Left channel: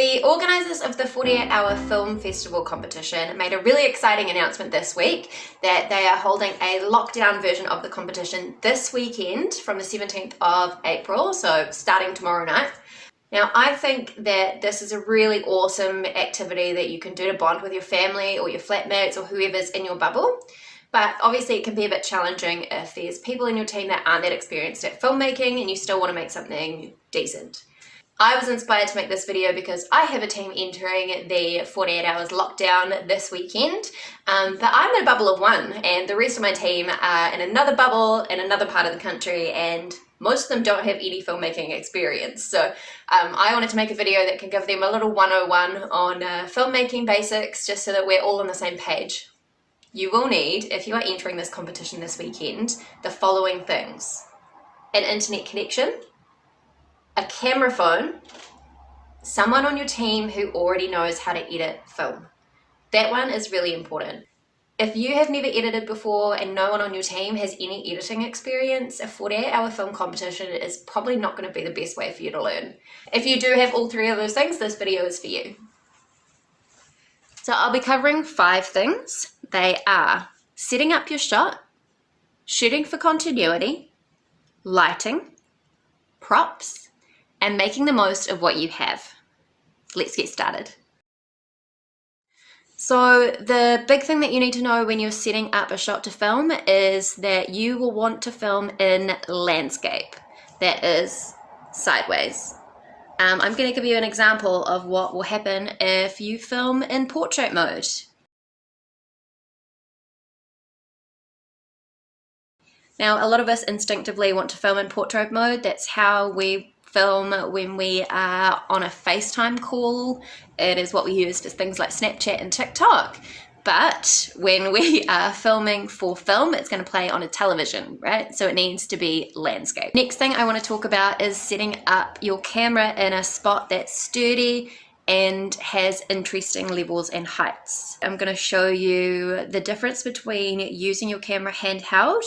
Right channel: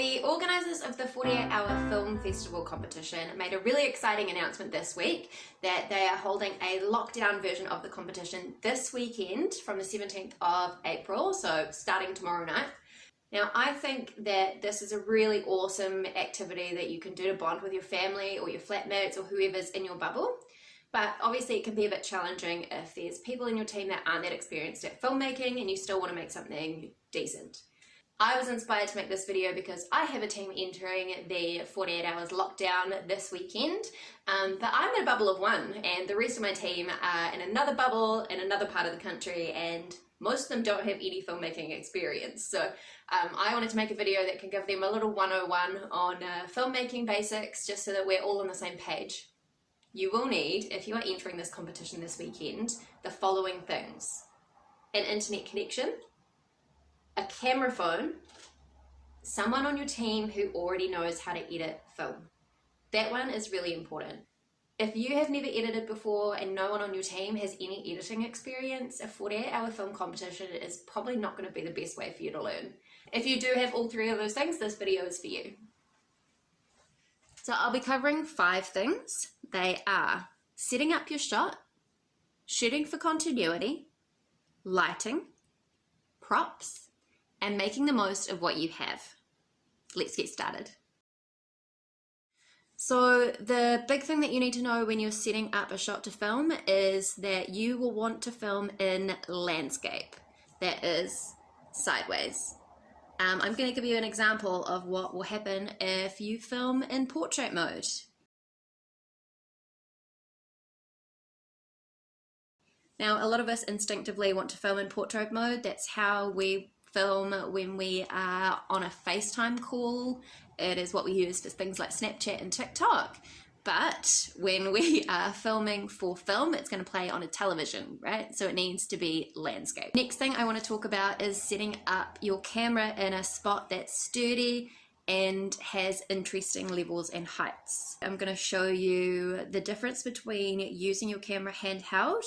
The organisers of the 48-hour film festival competition made a really exciting announcement this week that they are holding a lockdown version of the competition this weekend from the 17th of April, so starting tomorrow night. Now, I think that this is a really awesome activity that you can do to bond with your family or your flatmates or whoever's in your bubble. But obviously it can be a bit challenging if there's people in your team that aren't that experienced at filmmaking and you still want to make something decent. I was inspired to make this video because I have a team entering the 48 hours lockdown this weekend, but I'm in a bubble of one and the rest of my team are in another bubble in another part of the country, and most of them don't have any filmmaking experience. So I wanted to make a video that can give them a little 101 on filmmaking basics, just so that we're all on the same page. You will need, if you are entering this competition this weekend, the following things: an internet connection, a camera phone, someone on your team who already knows how to edit film. That one is really important. If you have never edited before and no one on your team has any editing experience, a 48-hour film competition is probably not going to be the best way for you to learn. If you do have all three of those things, this video is for you. So I'll be covering 5 things. They are setting up your shot, shooting for continuity, lighting, props, and making the most of what you have. Let's get started. So the big thing that you need to know when you're setting up a shot to film is that you will want to film in landscape, that is sideways. I'm going to give you an example of what will happen if you film in portrait mode. Now, a lot of us instinctively want to film in portrait mode. That's how we film when we are on a FaceTime call. It is what we use for things like Snapchat and TikTok. But when we are filming for film, it's going to play on a television, right? So it needs to be landscape. Next thing I want to talk about is setting up your camera in a spot that's sturdy and has interesting levels and heights. I'm going to show you the difference between using your camera handheld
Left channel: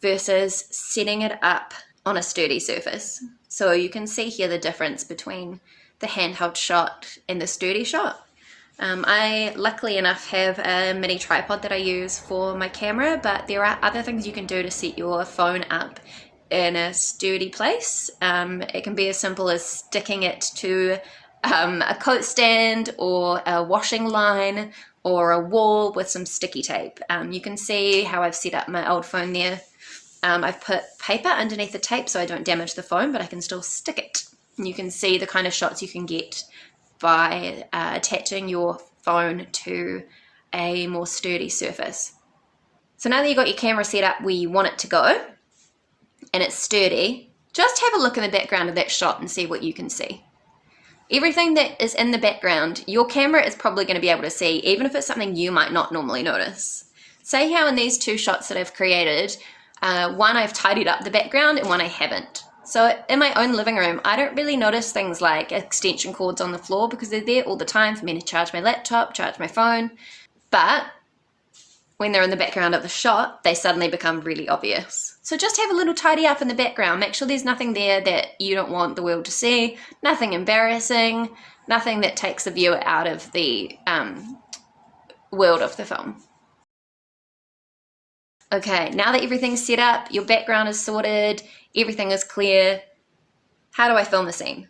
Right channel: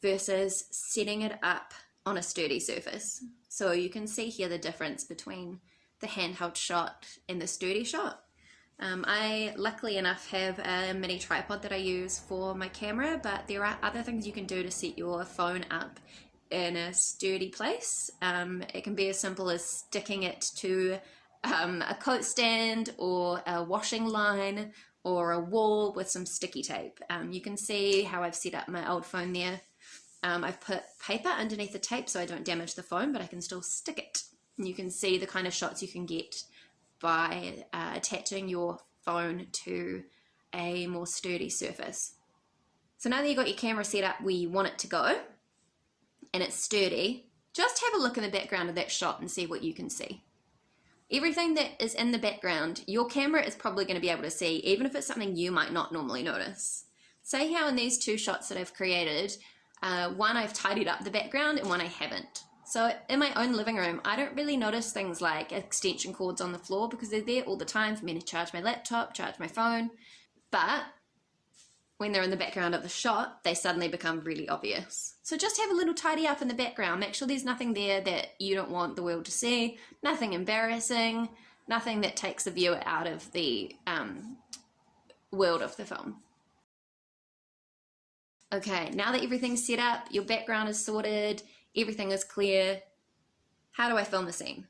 versus setting it up on a sturdy surface. So you can see here the difference between the handheld shot and the sturdy shot. I luckily enough have a mini tripod that I use for my camera, but there are other things you can do to set your phone up in a sturdy place. It can be as simple as sticking it to a coat stand or a washing line or a wall with some sticky tape. You can see how I've set up my old phone there. I've put paper underneath the tape so I don't damage the phone, but I can still stick it. And you can see the kind of shots you can get by attaching your phone to a more sturdy surface. So now that you've got your camera set up where you want it to go and it's sturdy, just have a look in the background of that shot and see what you can see. Everything that is in the background, your camera is probably going to be able to see, even if it's something you might not normally notice. Say how in these 2 shots that I've created, one I've tidied up the background and one I haven't. So in my own living room, I don't really notice things like extension cords on the floor because they're there all the time for me to charge my laptop, charge my phone. But when they're in the background of the shot, they suddenly become really obvious. So just have a little tidy up in the background. Make sure there's nothing there that you don't want the world to see, nothing embarrassing, nothing that takes the viewer out of the world of the film. Okay, now that everything's set up, your background is sorted, everything is clear, how do I film the scene?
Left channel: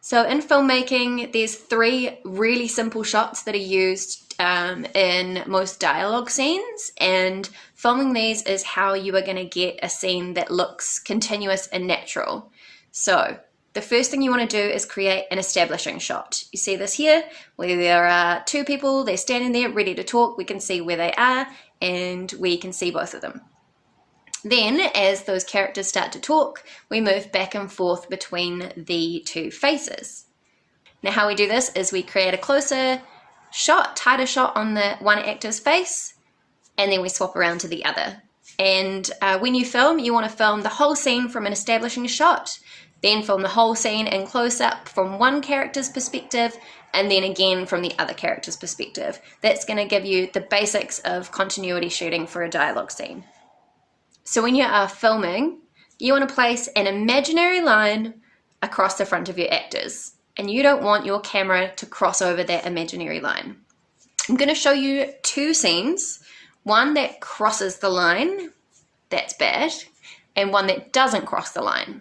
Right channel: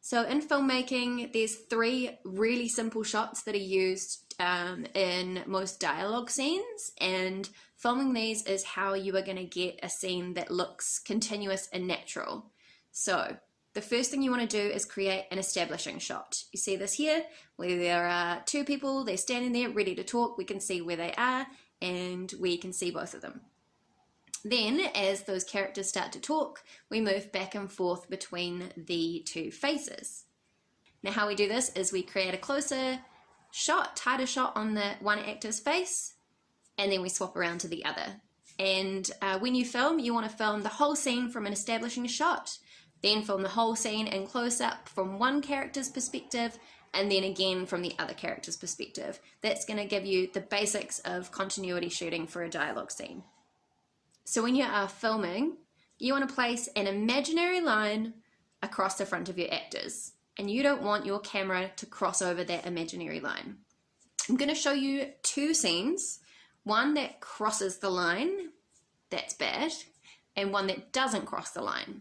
So in filmmaking, there's 3 really simple shots that are used in most dialogue scenes, and filming these is how you are going to get a scene that looks continuous and natural. So the first thing you want to do is create an establishing shot. You see this here, where there are 2 people, they're standing there ready to talk, we can see where they are, and we can see both of them. Then, as those characters start to talk, we move back and forth between the 2 faces. Now how we do this is we create a closer shot, tighter shot on the one actor's face, and then we swap around to the other. And when you film, you want to film the whole scene from an establishing shot, then film the whole scene in close-up from one character's perspective, and then again from the other character's perspective. That's going to give you the basics of continuity shooting for a dialogue scene. So when you are filming, you want to place an imaginary line across the front of your actors. and you don't want your camera to cross over that imaginary line. I'm going to show you two scenes, one that crosses the line, that's bad, and one that doesn't cross the line.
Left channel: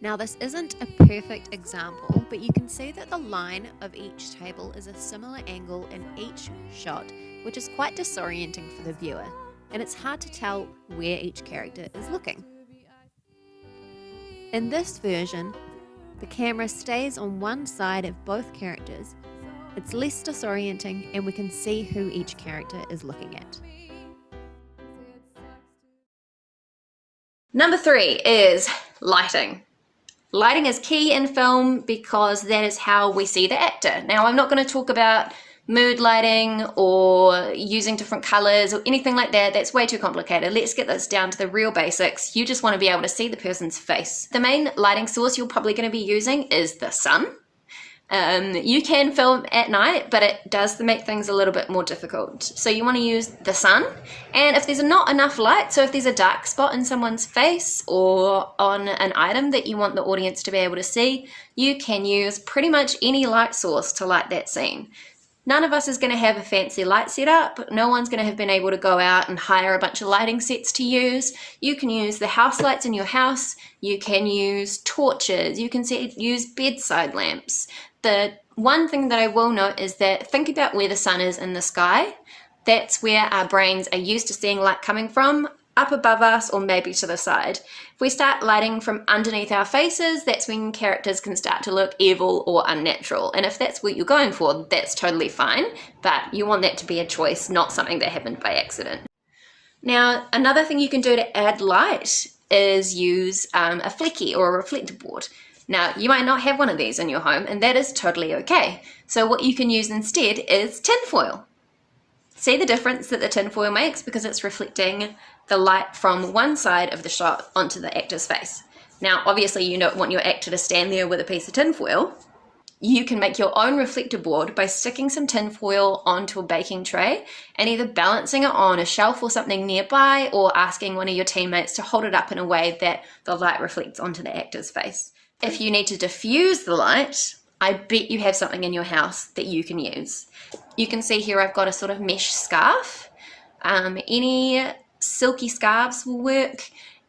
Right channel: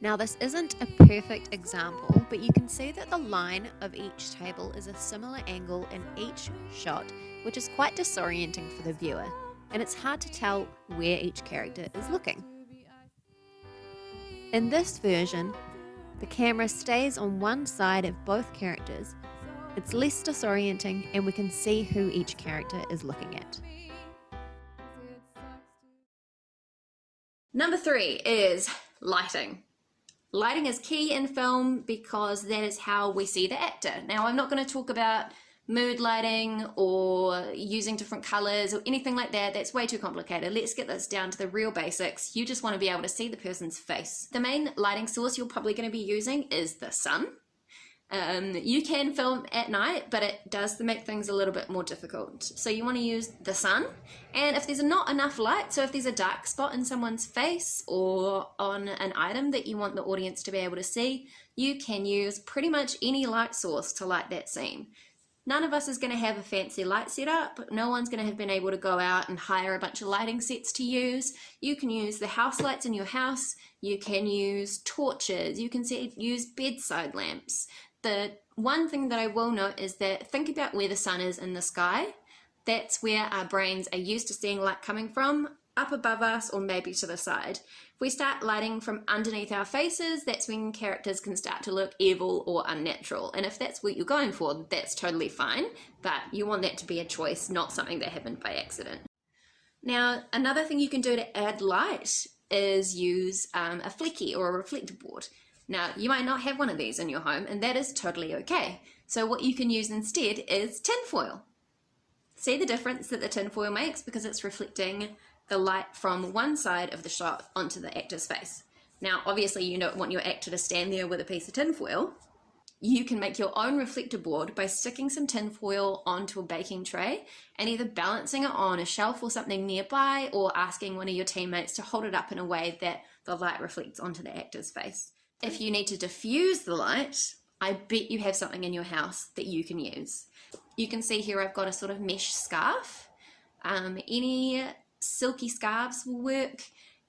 Now this isn't a perfect example, but you can see that the line of each table is a similar angle in each shot, which is quite disorienting for the viewer, and it's hard to tell where each character is looking. In this version, the camera stays on one side of both characters. It's less disorienting and we can see who each character is looking at. Number 3 is lighting. Lighting is key in film because that is how we see the actor. Now, I'm not going to talk about mood lighting or using different colors or anything like that. That's way too complicated. Let's get this down to the real basics. You just want to be able to see the person's face. The main lighting source you're probably going to be using is the sun. You can film at night, but it does make things a little bit more difficult. So you want to use the sun, and if there's not enough light, so if there's a dark spot in someone's face or on an item that you want the audience to be able to see, you can use pretty much any light source to light that scene. None of us is going to have a fancy light setup. No one's going to have been able to go out and hire a bunch of lighting sets to use. You can use the house lights in your house. You can use torches. You can use bedside lamps. The one thing that I will note is that think about where the sun is in the sky. That's where our brains are used to seeing light coming from, up above us or maybe to the side. If we start lighting from underneath our faces, that's when characters can start to look evil or unnatural. And if that's what you're going for, that's totally fine, but you want that to be a choice, not something that happened by accident. Now, another thing you can do to add light is use a flecky or a reflector board. Now, you might not have one of these in your home, and that is totally okay. So what you can use instead is tinfoil. See the difference that the tinfoil makes because it's reflecting the light from one side of the shot onto the actor's face. Now, obviously you don't want your actor to stand there with a piece of tinfoil. You can make your own reflector board by sticking some tinfoil onto a baking tray and either balancing it on a shelf or something nearby or asking one of your teammates to hold it up in a way that the light reflects onto the actor's face. If you need to diffuse the light, I bet you have something in your house that you can use. You can see here I've got a sort of mesh scarf. Any silky scarves will work,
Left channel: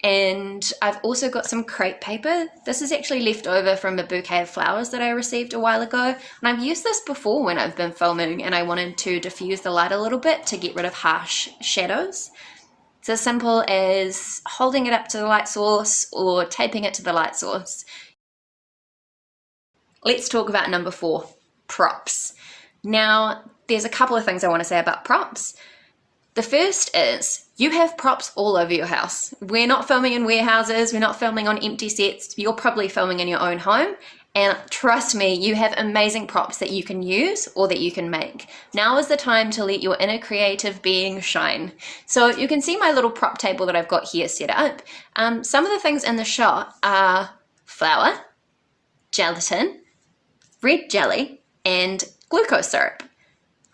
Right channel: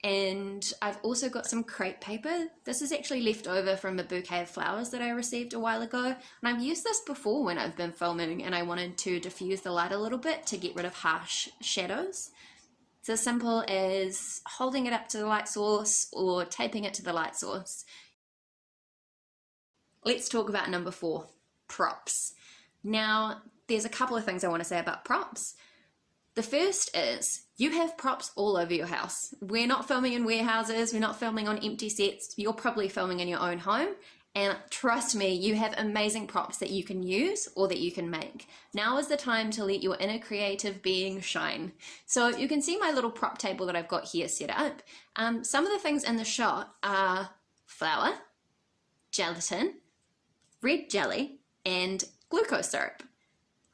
and I've also got some crepe paper. This is actually left over from a bouquet of flowers that I received a while ago, and I've used this before when I've been filming and I wanted to diffuse the light a little bit to get rid of harsh shadows. It's as simple as holding it up to the light source or taping it to the light source. Let's talk about number 4, props. Now, there's a couple of things I want to say about props. The first is you have props all over your house. We're not filming in warehouses, we're not filming on empty sets, you're probably filming in your own home. And trust me, you have amazing props that you can use or that you can make. Now is the time to let your inner creative being shine. So you can see my little prop table that I've got here set up. Some of the things in the shot are flour, gelatin, red jelly, and glucose syrup.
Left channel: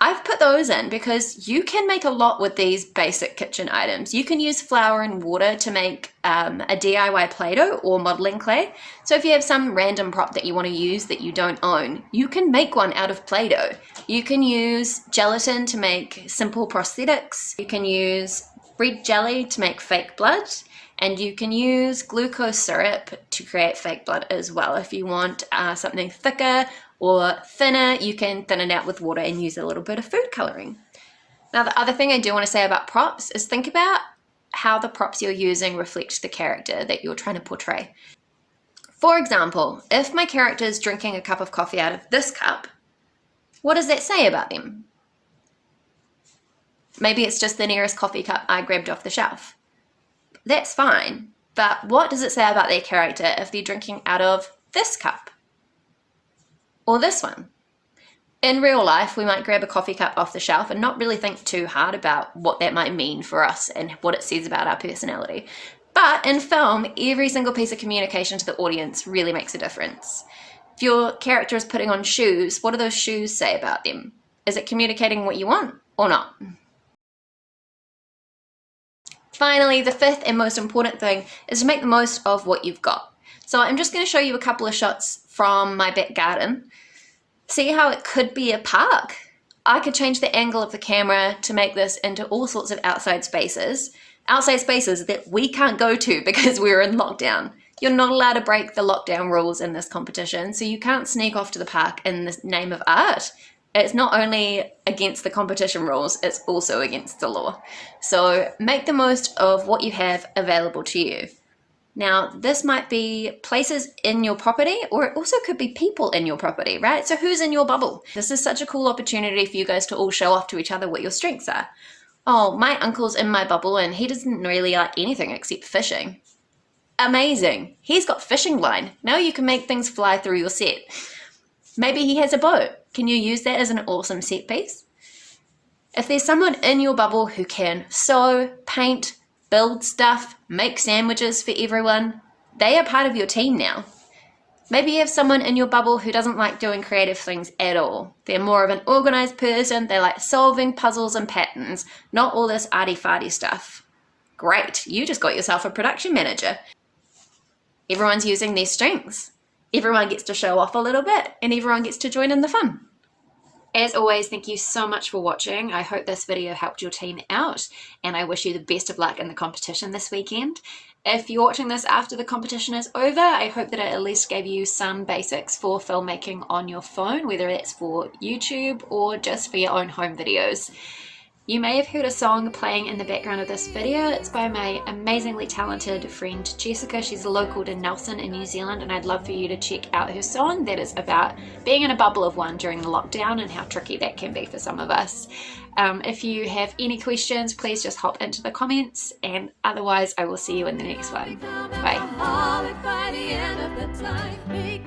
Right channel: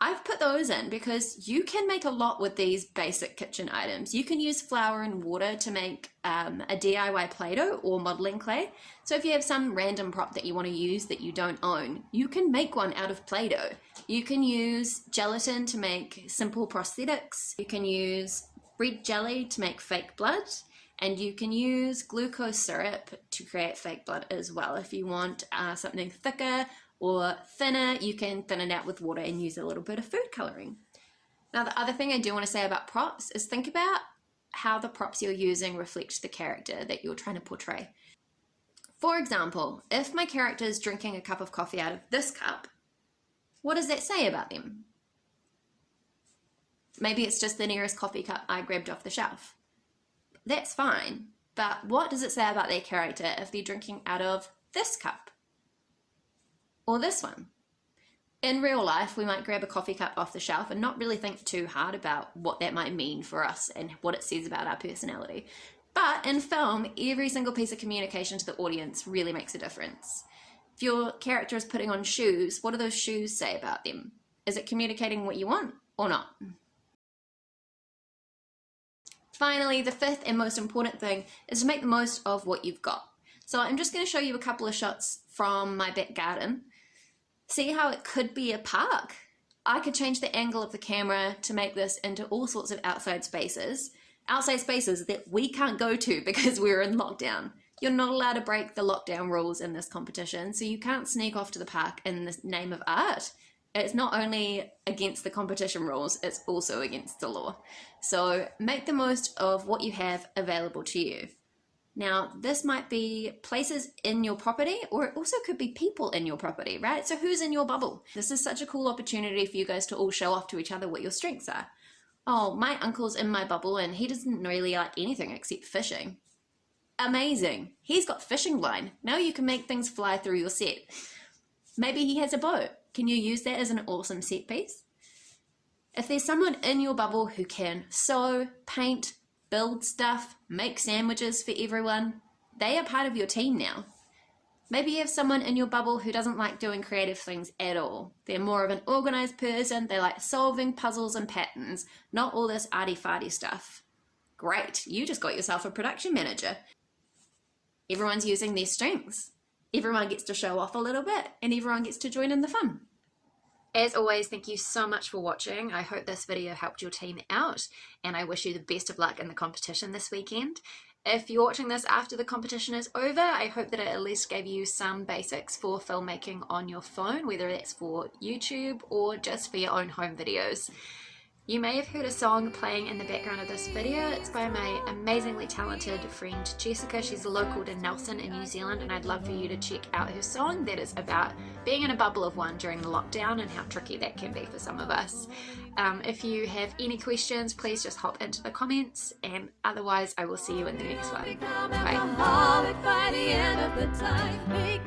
I've put those in because you can make a lot with these basic kitchen items. You can use flour and water to make a DIY Play-Doh or modeling clay. So if you have some random prop that you want to use that you don't own, you can make one out of Play-Doh. You can use gelatin to make simple prosthetics. You can use red jelly to make fake blood. And you can use glucose syrup to create fake blood as well. If you want something thicker or thinner, you can thin it out with water and use a little bit of food coloring. Now, the other thing I do want to say about props is think about how the props you're using reflect the character that you're trying to portray. For example, if my character is drinking a cup of coffee out of this cup, what does that say about them? Maybe it's just the nearest coffee cup I grabbed off the shelf. That's fine, but what does it say about their character if they're drinking out of this cup? Or this one? In real life, we might grab a coffee cup off the shelf and not really think too hard about what that might mean for us and what it says about our personality. But in film, every single piece of communication to the audience really makes a difference. If your character is putting on shoes, what do those shoes say about them? Is it communicating what you want or not? Finally, the 5th and most important thing is to make the most of what you've got. So I'm just going to show you a couple of shots from my back garden. See how it could be a park? I could change the angle of the camera to make this into all sorts of outside spaces that we can't go to because we're in lockdown. You're not allowed to break the lockdown rules in this competition, so you can't sneak off to the park in the name of art. It's not only against the competition rules, it's also against the law. So make the most of what you have available to you. Now, this might be places in your property, or it also could be people in your property, right? So who's in your bubble? This is such a cool opportunity for you guys to all show off to each other what your strengths are. Oh, my uncle's in my bubble and he doesn't really like anything except fishing. Amazing. He's got fishing line. Now you can make things fly through your set. Maybe he has a boat. Can you use that as an awesome set piece? If there's someone in your bubble who can sew, paint, build stuff, make sandwiches for everyone, they are part of your team now. Maybe you have someone in your bubble who doesn't like doing creative things at all. They're more of an organized person, they like solving puzzles and patterns, not all this arty-farty stuff. Great, you just got yourself a production manager. Everyone's using their strengths. Everyone gets to show off a little bit, and everyone gets to join in the fun. As always, thank you so much for watching. I hope this video helped your team out, and I wish you the best of luck in the competition this weekend. If you're watching this after the competition is over, I hope that it at least gave you some basics for filmmaking on your phone, whether it's for YouTube or just for your own home videos. You may have heard a song playing in the background of this video. It's by my amazingly talented friend Jessica. She's local to Nelson in New Zealand, and I'd love for you to check out her song that is about being in a bubble of one during the lockdown and how tricky that can be for some of us. If you have any questions, please just hop into the comments, and otherwise I will see you in the next one. Bye.